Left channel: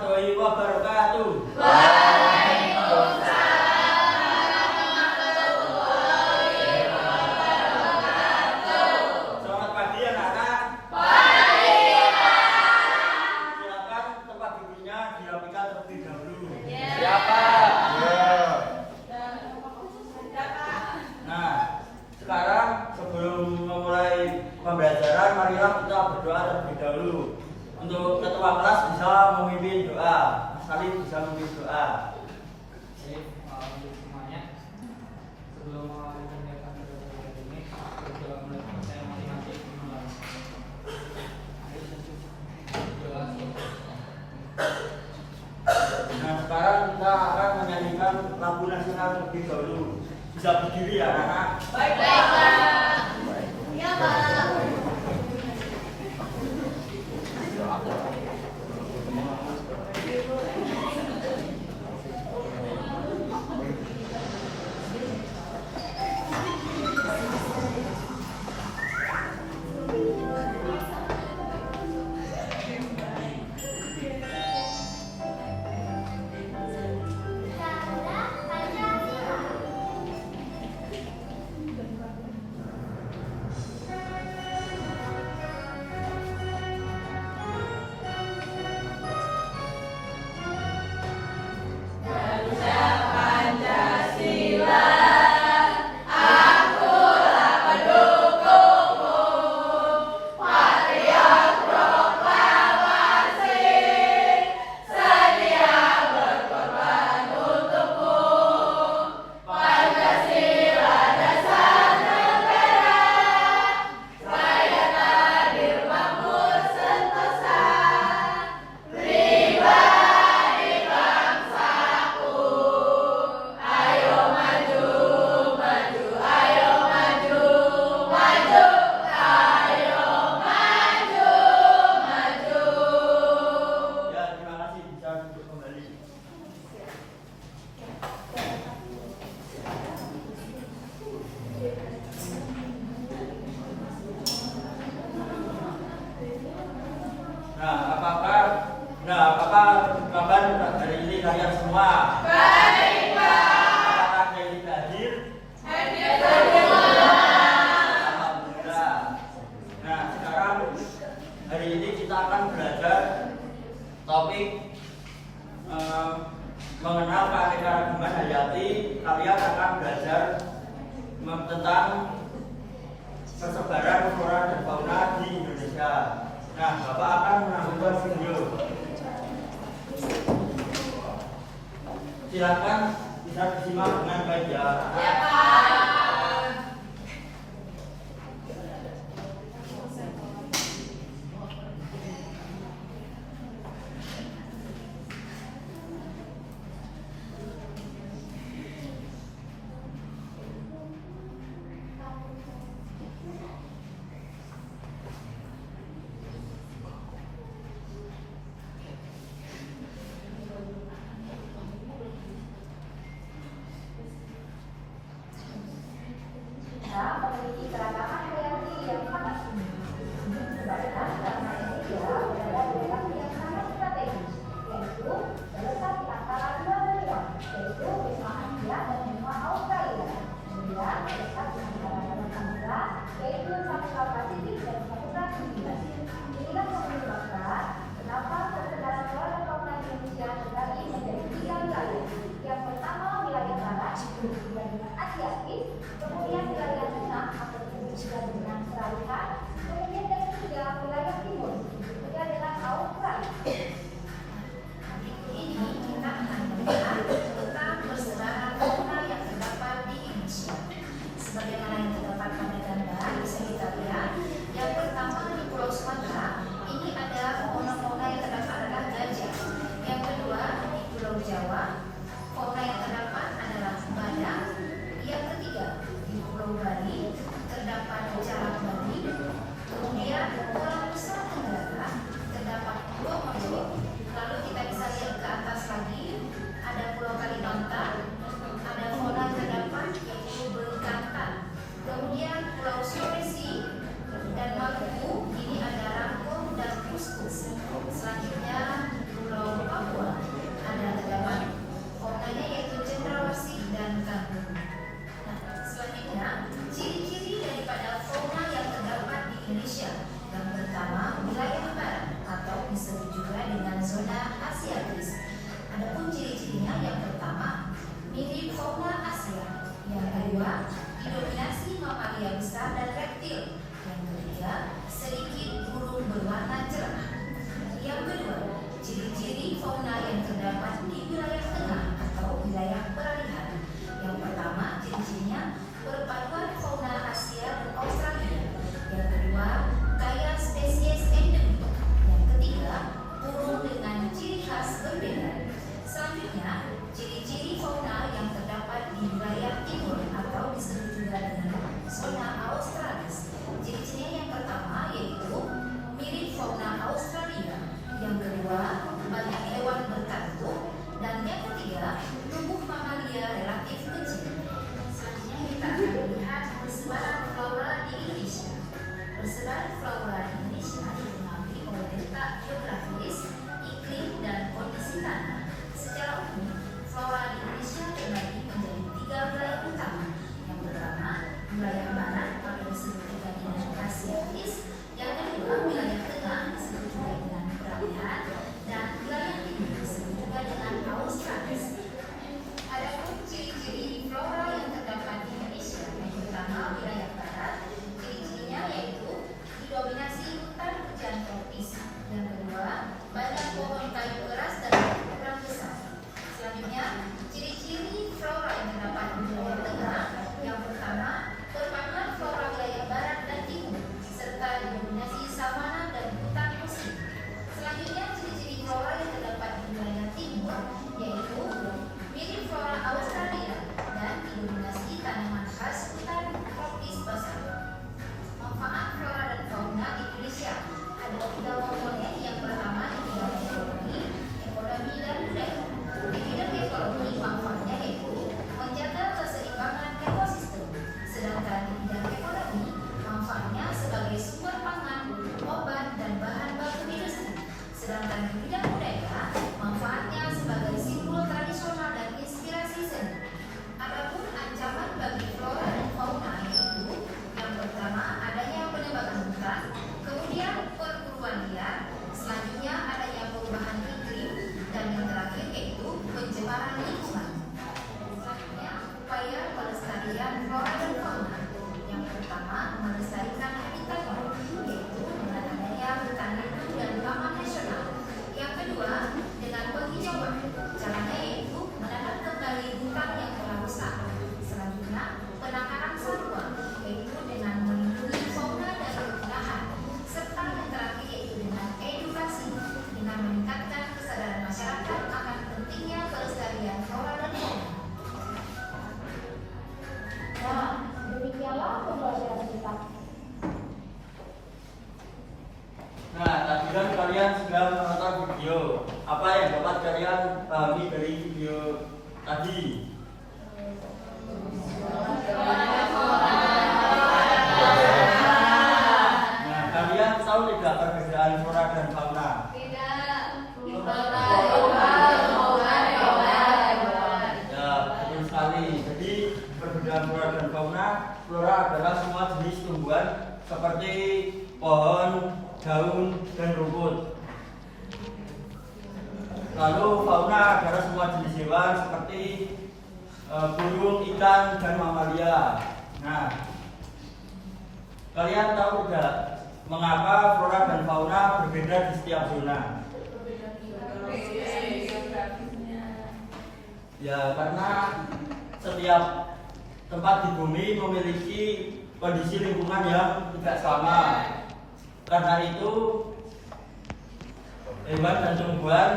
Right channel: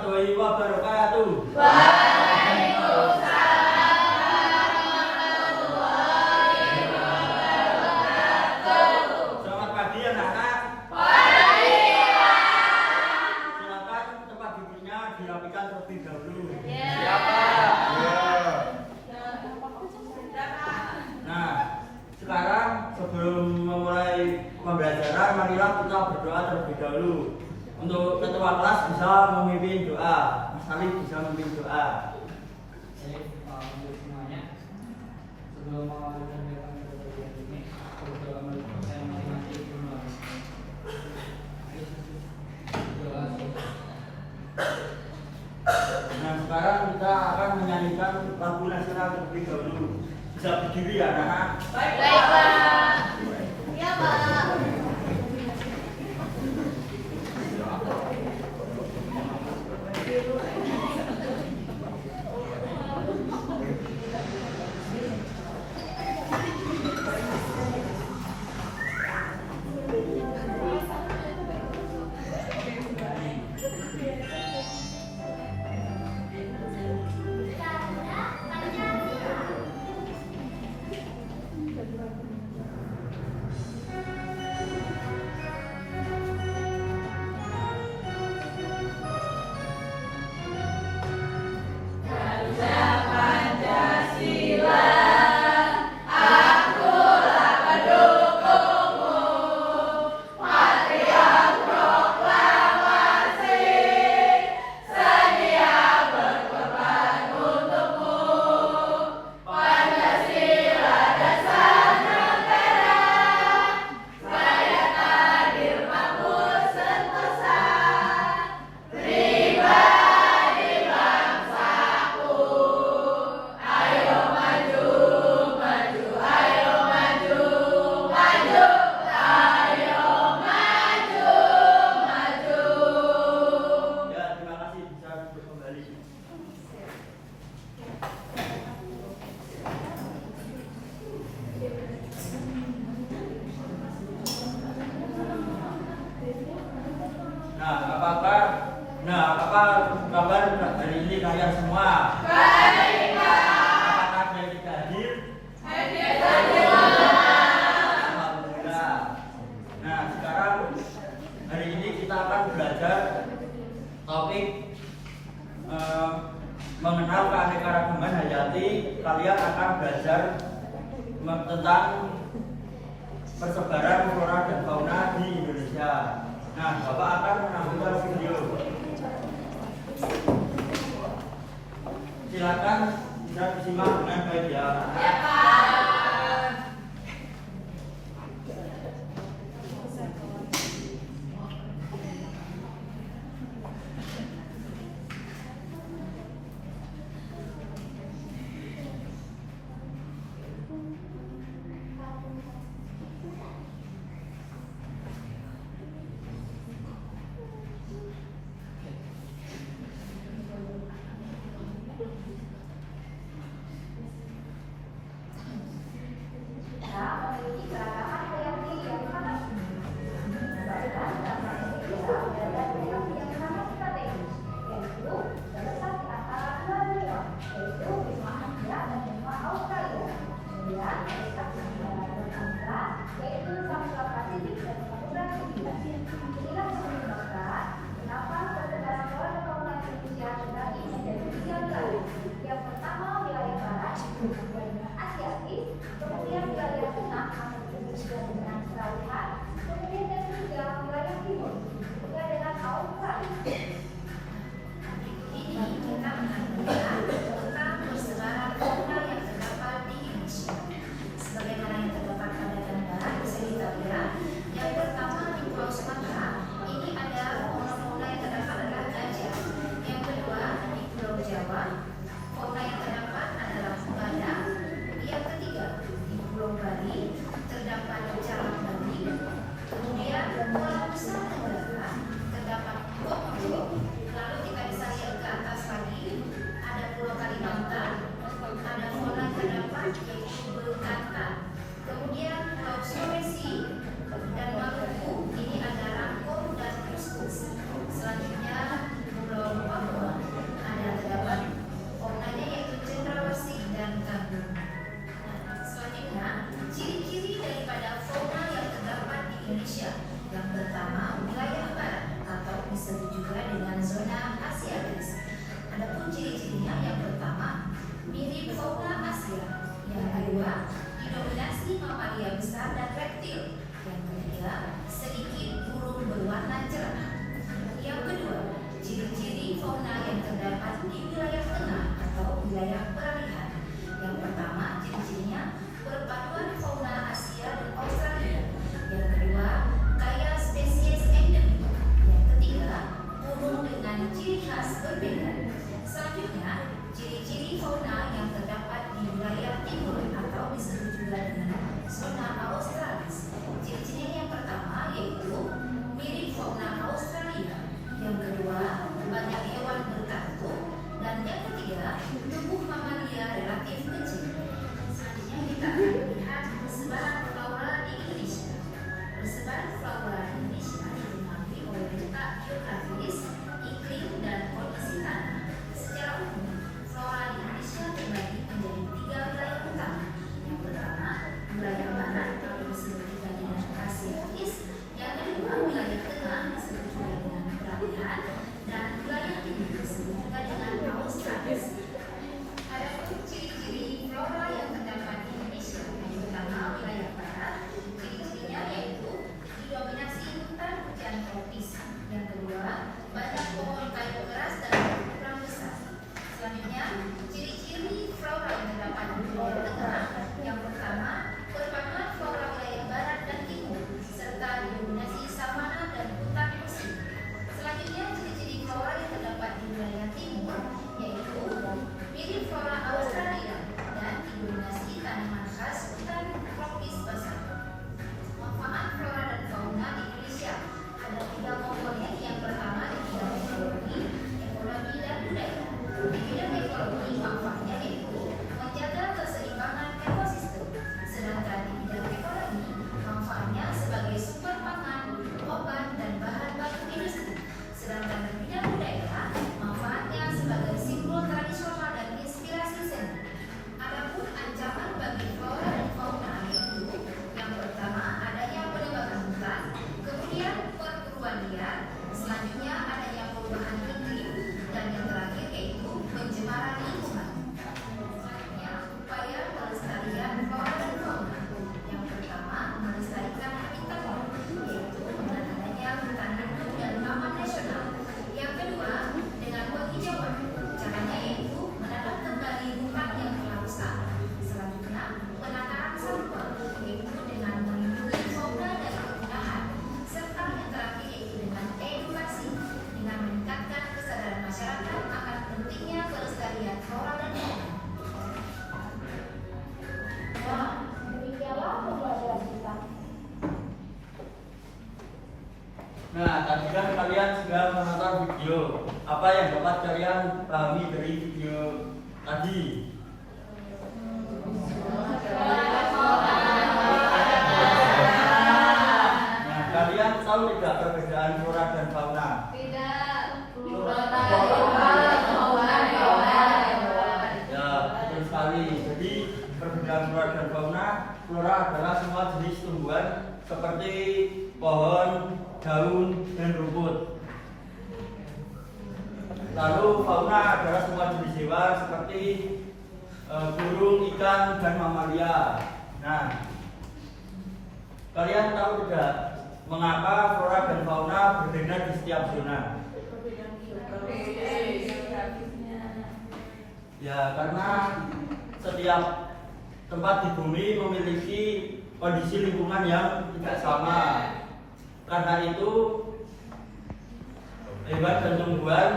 warahmatullahi wabarakatuh. Selamat pagi anak-anak. Silakan tempat duduknya dirapikan terlebih dahulu. Nah, sekarang sebelum memulai pembelajaran, marilah kita berdoa terlebih dahulu. Untuk ketua kelas bisa memimpin doa, Mas Salih bisa memimpin doa. Untuk semuanya, sebelum mengawali kegiatan pada pagi hari ini, berdoa menurut saya masing-masing dimulai. Nah, sekarang kita akan menyanyikan lagu nasional terlebih dahulu. Bisa berdiri ya, anak-anak. Apakah kabar hari ini kalian semua? Baik, Pak. Apakah yang tidak hadir? Alhamdulillah. Nah, sekarang hari ini kita akan belajar topik mengenal keanekaragaman hayati. Kalian akan belajar tentang persebaran flora dan fauna di Indonesia. Nah, Bapak akan menampilkan video. Silakan bisa disimak dengan baik ya. Kemudian wilayah tengah atau sudah dengan peralihan, kemudian yang ketiga wilayah timur juga dengan Australia. Ini kita akan melihat tentang persebaran fauna yang terdapat di Indonesia. Sebagaimana yang terdapat pada gambar bisa kita lihat, yang pertama di Pulau Sumatera ini adalah fauna yang terdapat adalah gajah. Yang kedua di Pulau Jawa fauna yang terdapat adalah badak. Yang ketiga di Pulau Bali terdapat jalak Bali. Kemudian Pulau Nusa Tenggara terdapat Komodo. Lalu kita bisa lihat ke atas lagi ada Pulau Kalimantan, ada fauna terdapat yaitu bekantan. Kemudian Pulau Sulawesi dan Maluku ini ada rangkong dan kuskus. Selanjutnya Pulau Papua beserta juga dengan zona asiatis. Adapun ciri-cirinya yang pertama mirip fauna Asia, yang kedua didominasi mamalia besar dan reptil, yang ketiga sedikit burung berwarna cerah. Yang kedua, ciri-ciri fauna yang terdapat di wilayah tengah atau wilayah peralihan. Yang pertama, ciri-cirinya perpaduan fauna Asia dan Australia. Yang kedua, kaya spesies endemik. Yang ketiga, burung dengan ciri khas berbeda. Selanjutnya, ciri-ciri fauna yang terdapat di wilayah timur atau disebut juga dengan zona australis. Ciri-cirinya yang pertama yaitu mirip fauna Australia. Yang kedua, banyak hewan berkantung. Dan yang ketiga, tubuh mamalia relatif kecil. Selanjutnya kita akan melihat persebaran flora di Indonesia. Persebaran flora di Indonesia dipengaruhi oleh letak geografis, iklim, dan kondisi tanah. Secara umum, flora di Indonesia terbagi menjadi 3 wilayah utama. Yang pertama, wilayah barat atau disebut juga dengan Asiatis. Yang kedua, wilayah tengah disebut juga dengan peralihan, dan wilayah timur disebut juga dengan Australis. Adapun ciri-ciri flora yang terdapat di Indonesia, yang pertama wilayah barat, ciri-cirinya yaitu didominasi hutan hujan tropis. Yang kedua, banyak pohon kayu keras dan berukuran besar. Selanjutnya, ciri-ciri flora yang terdapat di wilayah tengah, yang pertama perpaduan flora wilayah barat dan timur serta didominasi savana dan hutan musim. Selanjutnya, ciri-ciri flora yang terdapat di wilayah timur yaitu mirip flora Australia dan didominasi tanaman khas hutan tropis basah. Manfaat flora dan fauna di Indonesia ada 3 komponen. Yang pertama di bidang ekonomi dan budaya. Di bidang ekonomi manfaatnya yaitu menjaga keseimbangan ekosistem. Sedangkan di bidang ekonomi manfaatnya sebagai sumber pangan, obat, dan bahan baku industri. Sedangkan di bidang budaya manfaatnya sebagai simbol tradisional dan inspirasi seni. Adapun ancaman bagi flora dan fauna yaitu yang pertama adanya penebangan hutan, kemudian perburuan liar, selanjutnya adanya perubahan iklim, dan yang terakhir yaitu pencemaran lingkungan. Selanjutnya upaya pelestarian flora dan fauna. Yang pertama melestarikan habitatnya yaitu dengan adanya hutan lindung dan taman nasional. Yang kedua dengan penghijauan. Caranya yaitu menanam kembali hutan yang telah rusak. Selanjutnya penanganan satwa yaitu dengan melindungi fauna dan penggunaan. Serta yang terakhir yaitu dengan edukasi dengan meningkatkan kesadaran masyarakat akan pentingnya pelestarian flora dan fauna. Nah, demikianlah pembelajaran kita. Nah, tadi kan kalian sudah menonton video. Apa yang dapat kalian pahami dari video tadi? Nah, kalian tahu tidak perbedaan flora dan fauna? Ya, betul sekali. Jadi perbedaan flora dan fauna, flora adalah semua jenis tumbuhan seperti pohon, daun, dan rumput. Lalu fauna adalah semua jenis hewan seperti burung, ikan, dan mamalia. Nah, kalian tahu tidak mengapa flora dan fauna berbeda di setiap zona? Ya, karena setiap tempat di bumi memiliki kondisi lingkungan yang tidak sama. Karena itu hewan dan tumbuhan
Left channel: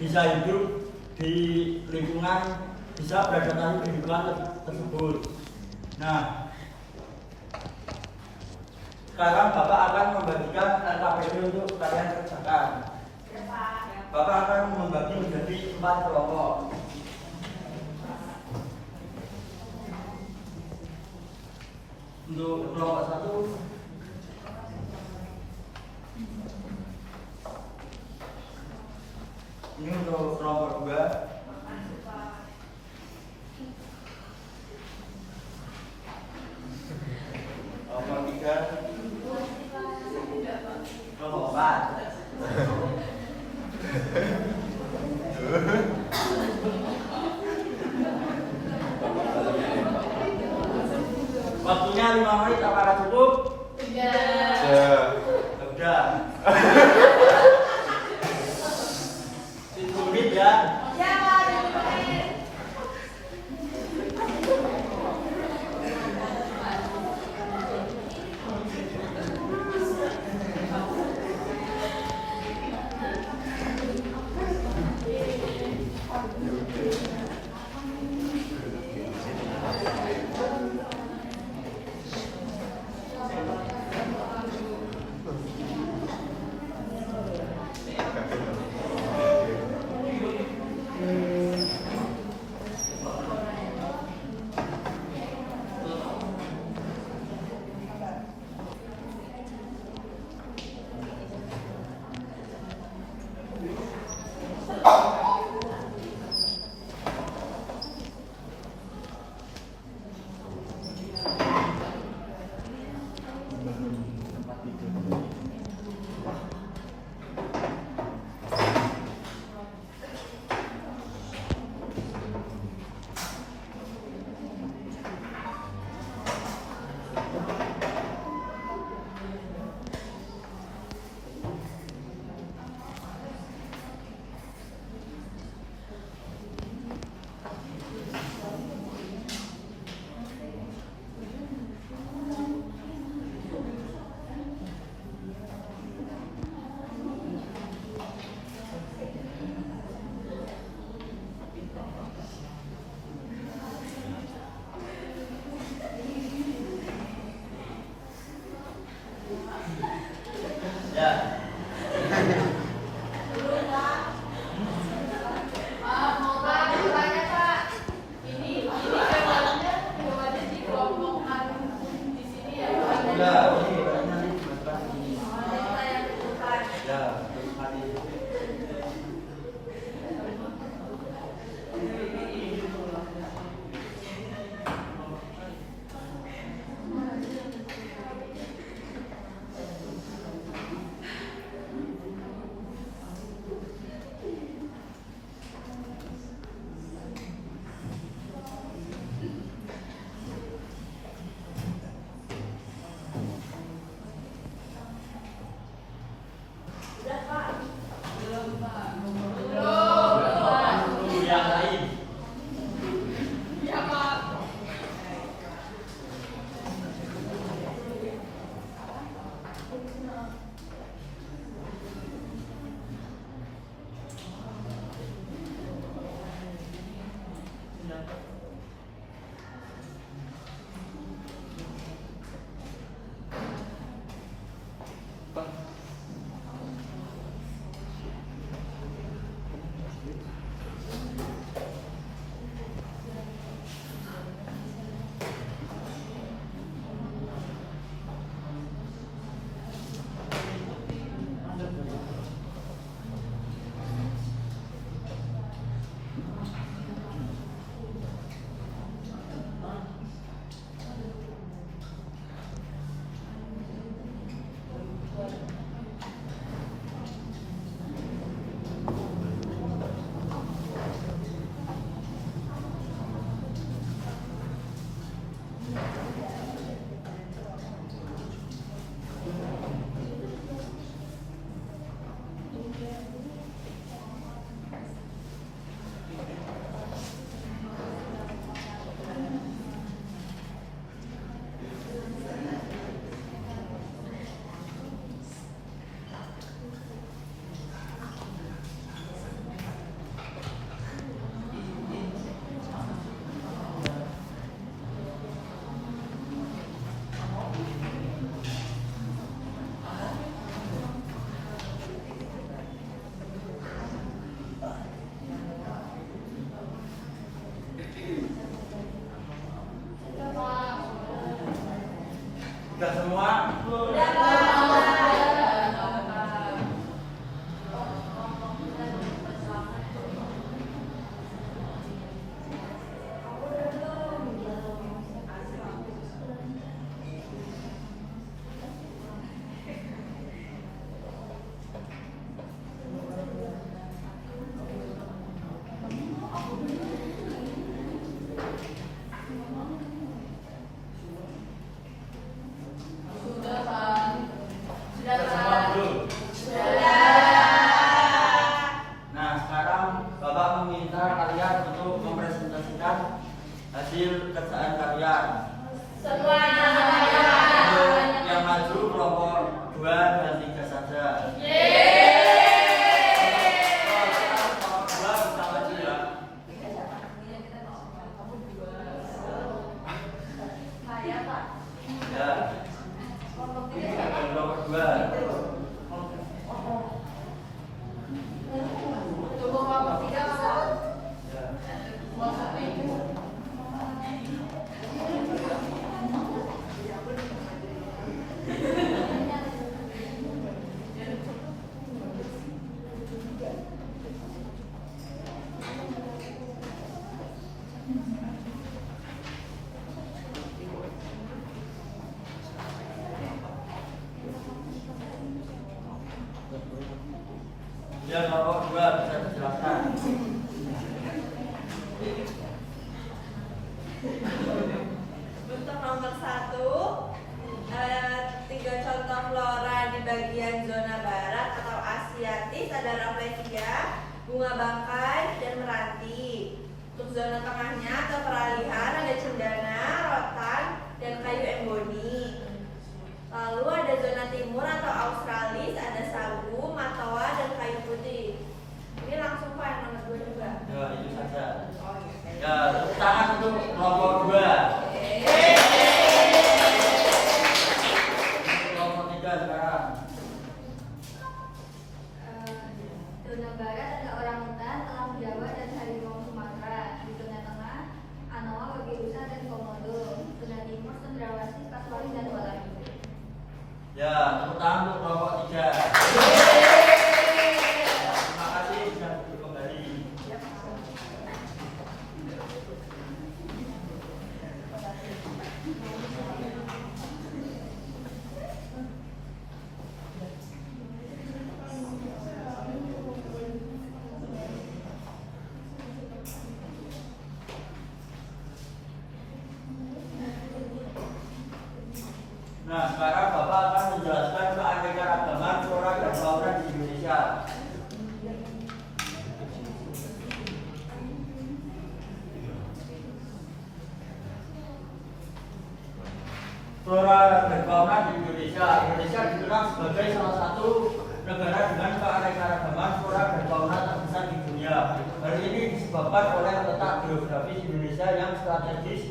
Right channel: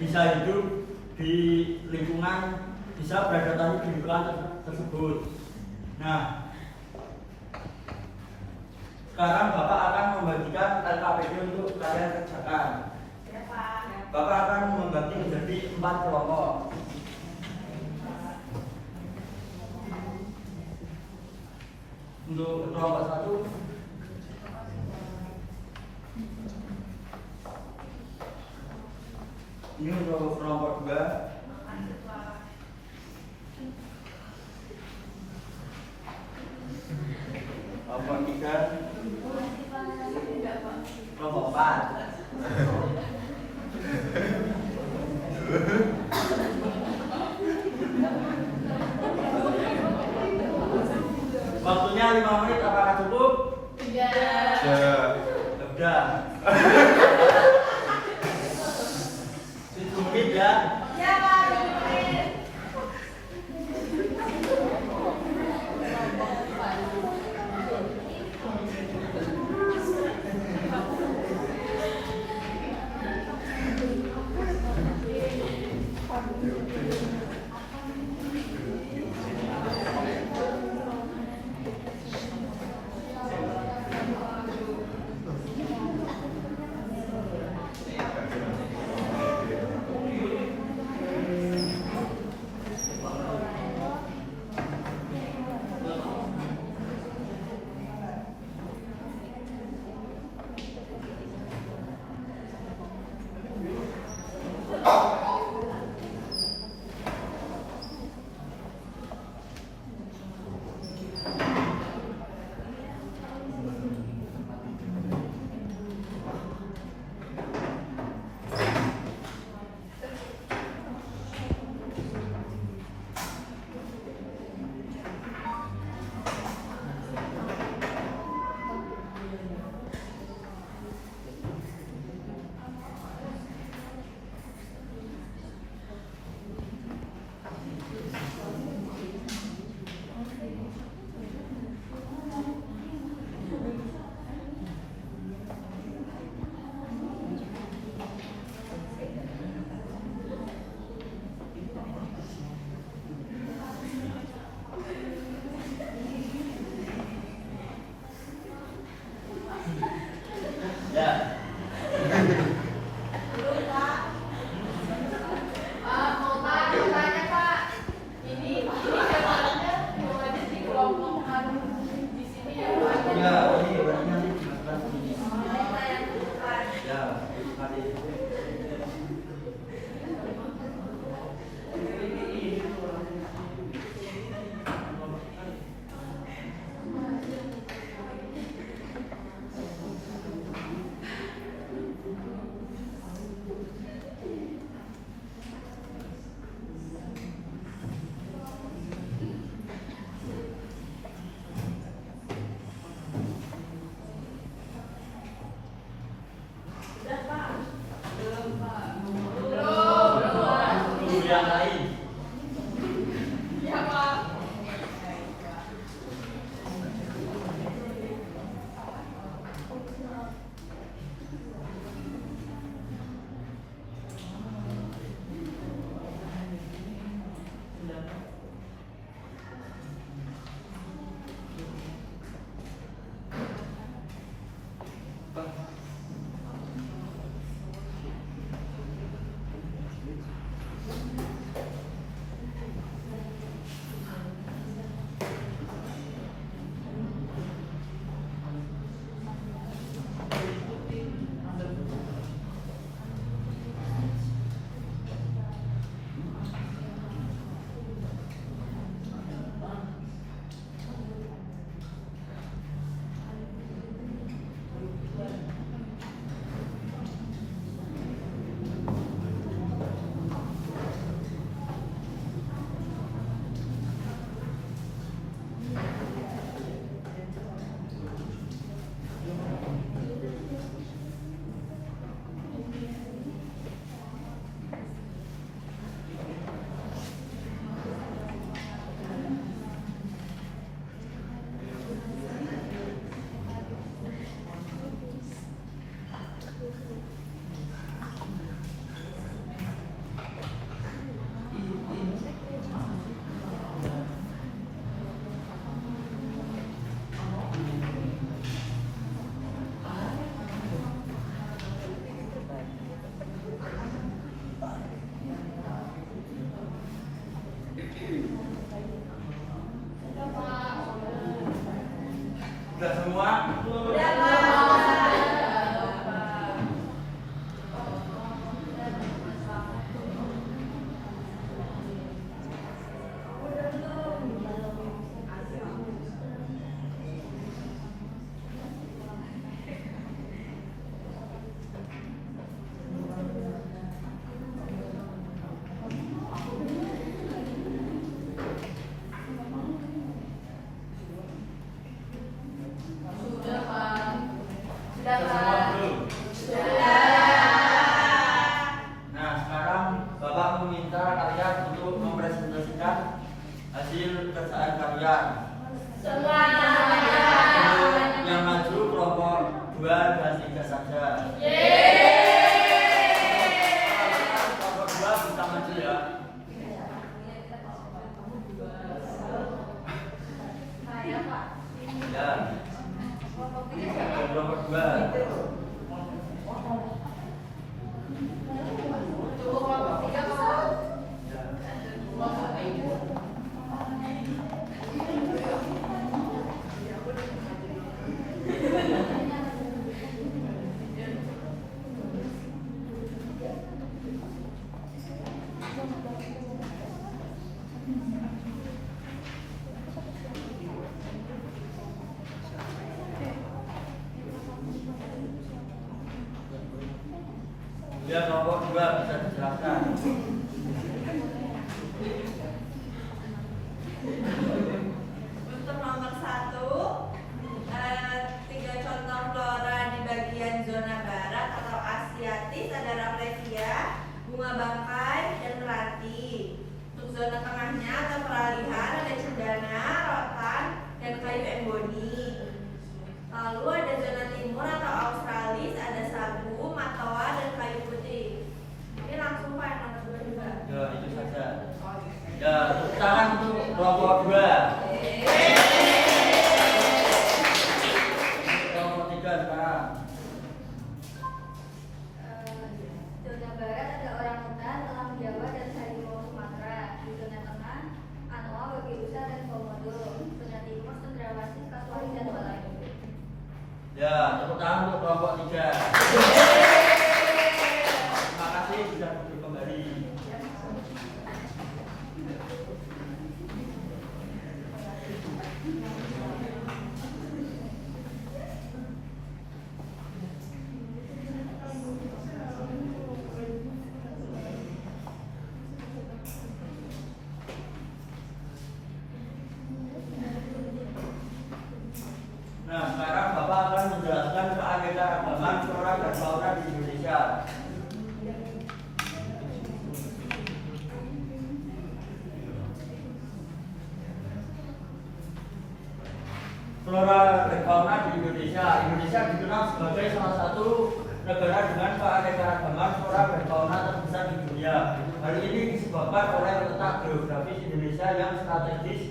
bisa hidup di lingkungan, bisa beradaptasi di lingkungan tersebut. Nah, sekarang Bapak akan membagikan LKPD untuk kalian kerjakan. Bapak akan membagi menjadi 4 kelompok. Untuk kelompok 1, ini untuk kelompok 2, kelompok 3, kelompok 4. 5 menit apakah cukup? Udah. Udah. 7 menit ya. kesempatan untuk mempresentasikan hasil kerjaan kalian. Semuanya. Untuk yang maju kelompok 2 dan 3 saja. Kelompok 2 bisa maju ya. Ya. Kelompok 2. Ya, kelompok 2 bisa dijelaskan. Untuk nomor 1, 3 contoh flora di bagian zona barat atau Asiatis ada Rafflesia, bunga bangkai, dan meranti. Untuk zona tengahnya atau peralihan ada cendana, rotan, dan kayu emboni. Lalu ada zona timur atau Australis ada sagu, matawa, dan kayu putih. Ini langsung Pak nomor 2 juga. Ya, itu saja. Ya, tepuk tangan untuk kelompok 2. Kelompok 3 sekarang. Zona barat ada orangutan, elang Jawa, dan harimau Sumatera. Di zona tengah, anoa, babi rusa, dan komodo. Zona timur, cendrawasih, kasuari, dan walayu. Ya, tepuk tangan untuk kelompok 3. Terima kasih sudah duduk kembali. Nah, sekarang Bapak akan menjelaskan keanekaragaman flora dan fauna di Indonesia. Flora dan fauna di Indonesia. Indonesia dikenal sebagai salah satu negara dengan keanekaragaman flora dan fauna terbesar di dunia. Hal ini disebabkan oleh letak geografis Indonesia yang strategis,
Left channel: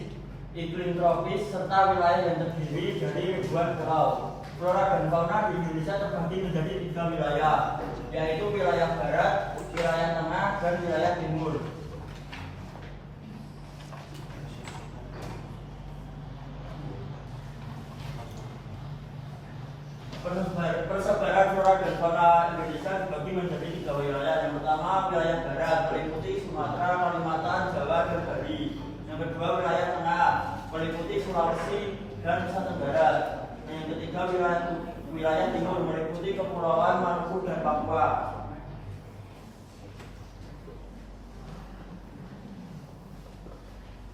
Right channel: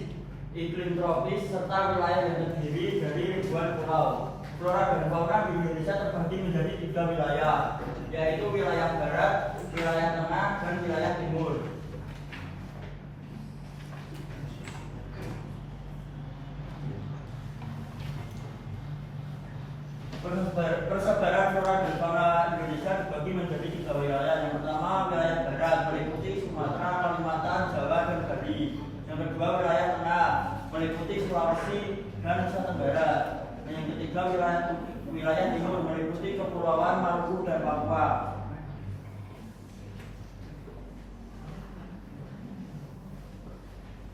iklim tropis, serta wilayah yang terdiri dari ribuan pulau. Flora dan fauna di Indonesia terbagi menjadi 3 wilayah, yaitu wilayah barat, wilayah tengah, dan wilayah timur. Persebaran flora dan fauna Indonesia dibagi menjadi 3 wilayah. Yang pertama, wilayah barat meliputi Sumatera, Kalimantan, Jawa, dan Bali. Yang kedua, wilayah tengah meliputi Sulawesi dan Nusa Tenggara. Dan yang ketiga, wilayah timur meliputi Kepulauan Maluku dan Papua.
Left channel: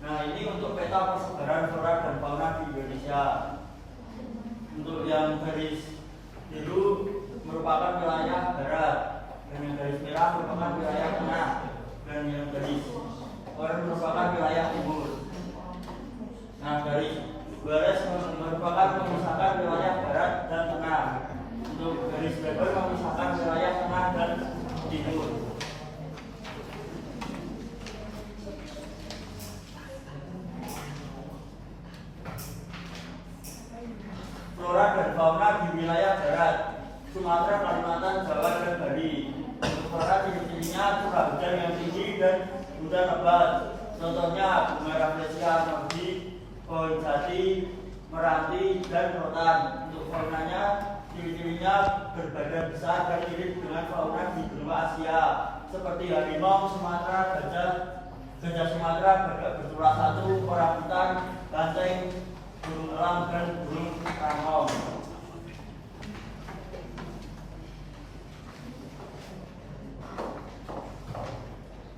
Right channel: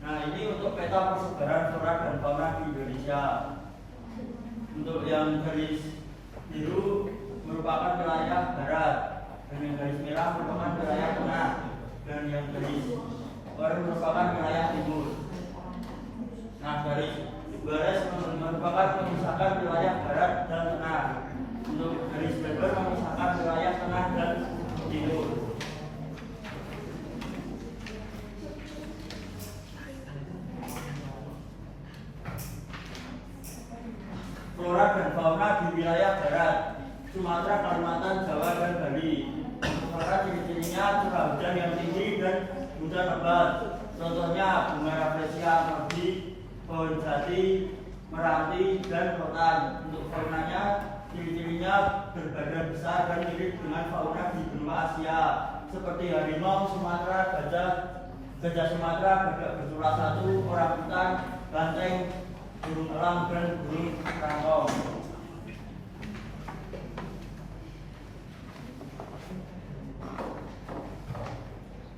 Nah, ini untuk peta persebaran flora dan fauna di Indonesia. Untuk yang garis biru merupakan wilayah barat, dan yang garis merah merupakan wilayah tengah, dan yang garis oranye merupakan wilayah timur. Nah, garis garis merupakan memisahkan wilayah barat dan tengah. Untuk garis lebar memisahkan wilayah tengah dan timur. Flora dan fauna di wilayah barat, Sumatera, Kalimantan, Jawa, dan Bali. Untuk flora ciri-cirinya curah hujan yang tinggi dan hujan lebat. Contohnya bunga Rafflesia nordi, pohon jati, meranti, dan rotan. Untuk faunanya, ciri-cirinya berbadan besar dan mirip dengan fauna di benua Asia, seperti harimau Sumatera, gajah Sumatera, gagak bersuara 1, orangutan, banteng, burung elang, dan burung rangkong.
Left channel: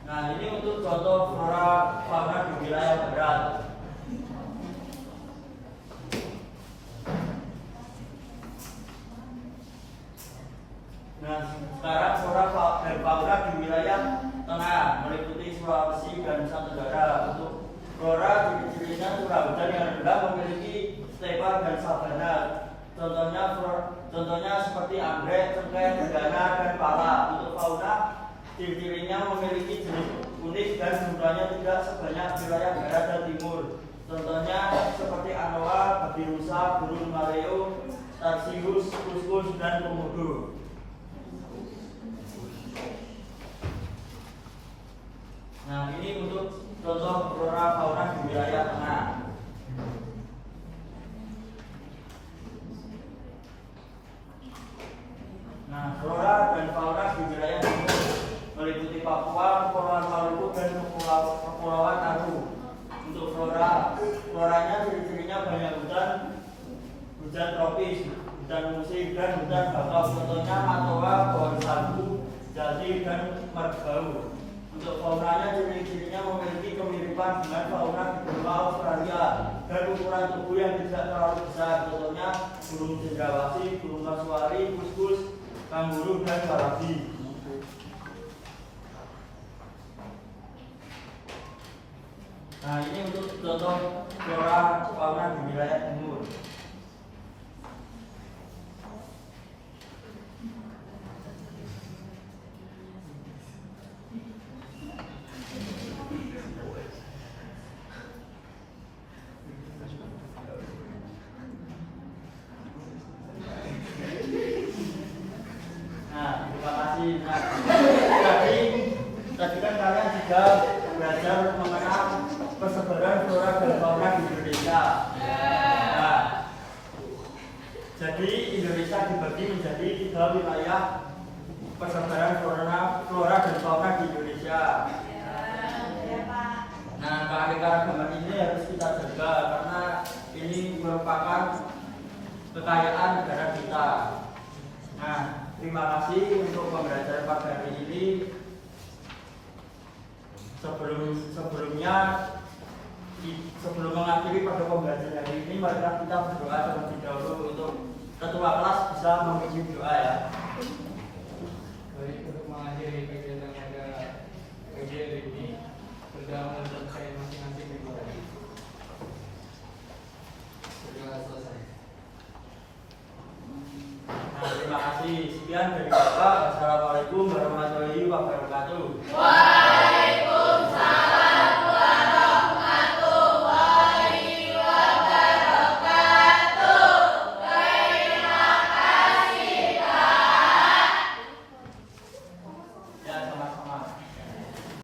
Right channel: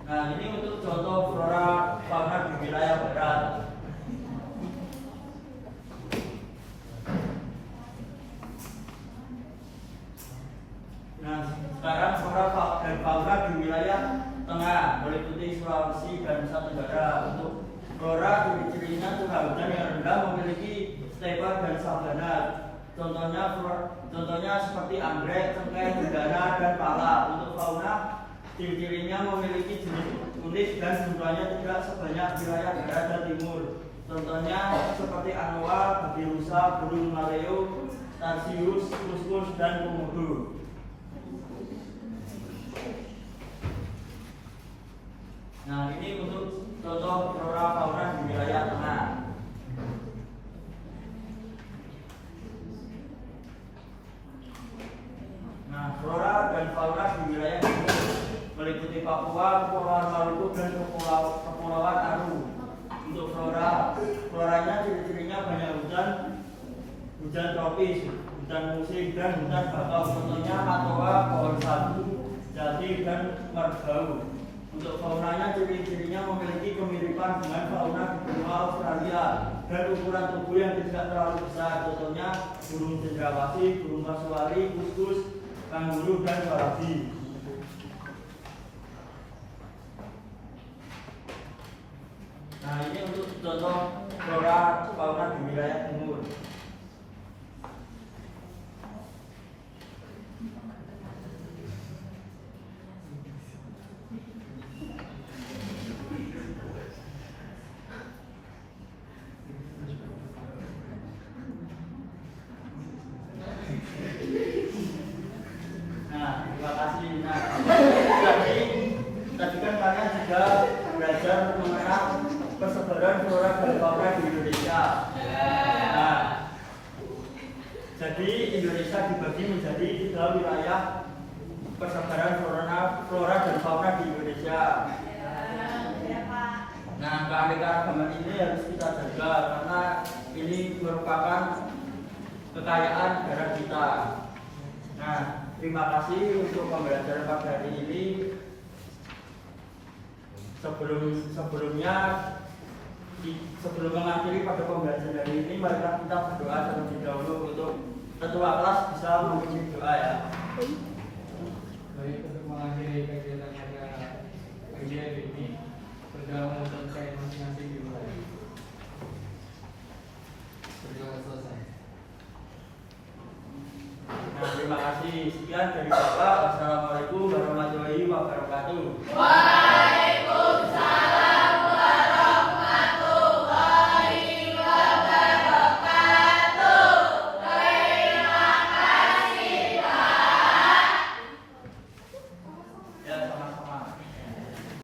Nah, ini untuk contoh flora fauna di wilayah barat. Nah, sekarang flora dan fauna di wilayah Tengah meliputi Sulawesi dan Nusa Tenggara. Untuk flora ciri-cirinya curah hujan yang rendah memiliki stepa dan sabana. Contohnya seperti anggrek, cengkeh, cendana, dan pala. Untuk fauna ciri-cirinya memiliki jenis unik dan jumlahnya tidak sebanyak wilayah barat dan timur. Contohnya seperti anoa, babirusa, burung maleo, tarsius, kuskus, dan komodo. Nah, ini untuk contoh flora fauna di wilayah tengah. Nah, flora dan fauna di wilayah timur meliputi Papua, Kepulauan Maluku, dan Kepulauan Aru. Untuk floranya ciri-cirinya banyak hujan tropis, hujan musim, dan hujan bakau. Contohnya matoa, pohon sagu, jati, dan merbau. Untuk faunanya ciri-cirinya memiliki kemiripan dengan fauna di benua Australia dan ukuran tubuh yang tidak terlalu besar. Contohnya burung cendrawasih, burung kasuari, kuskus, kanguru, dan warabi. Nah, ini untuk contoh flora fauna di wilayah timur. Nah, terima kasih. Nah, tadi kan kalian juga belajar mengenai persebaran flora dan fauna di Indonesia. Nah, jadi Indonesia dibagi menjadi 3 wilayah persebaran flora dan fauna di Indonesia. Nah, keanekaragaman ini harus kita jaga karena ini merupakan kekayaan negara kita. Nah, terima kasih untuk pembelajaran pada hari ini. Sebelum mengakhiri pada pembelajaran hari ini, mari kita berdoa terlebih dahulu untuk ketua kelas bisa memimpin doa ya. Baik, untuk mengakhiri kegiatan pada pagi hari ini, berdoa untuk saya masing-masing dimulai. Berdoa selesai. Nah, terima kasih. Sekian dari Bapak. Assalamualaikum warahmatullahi wabarakatuh.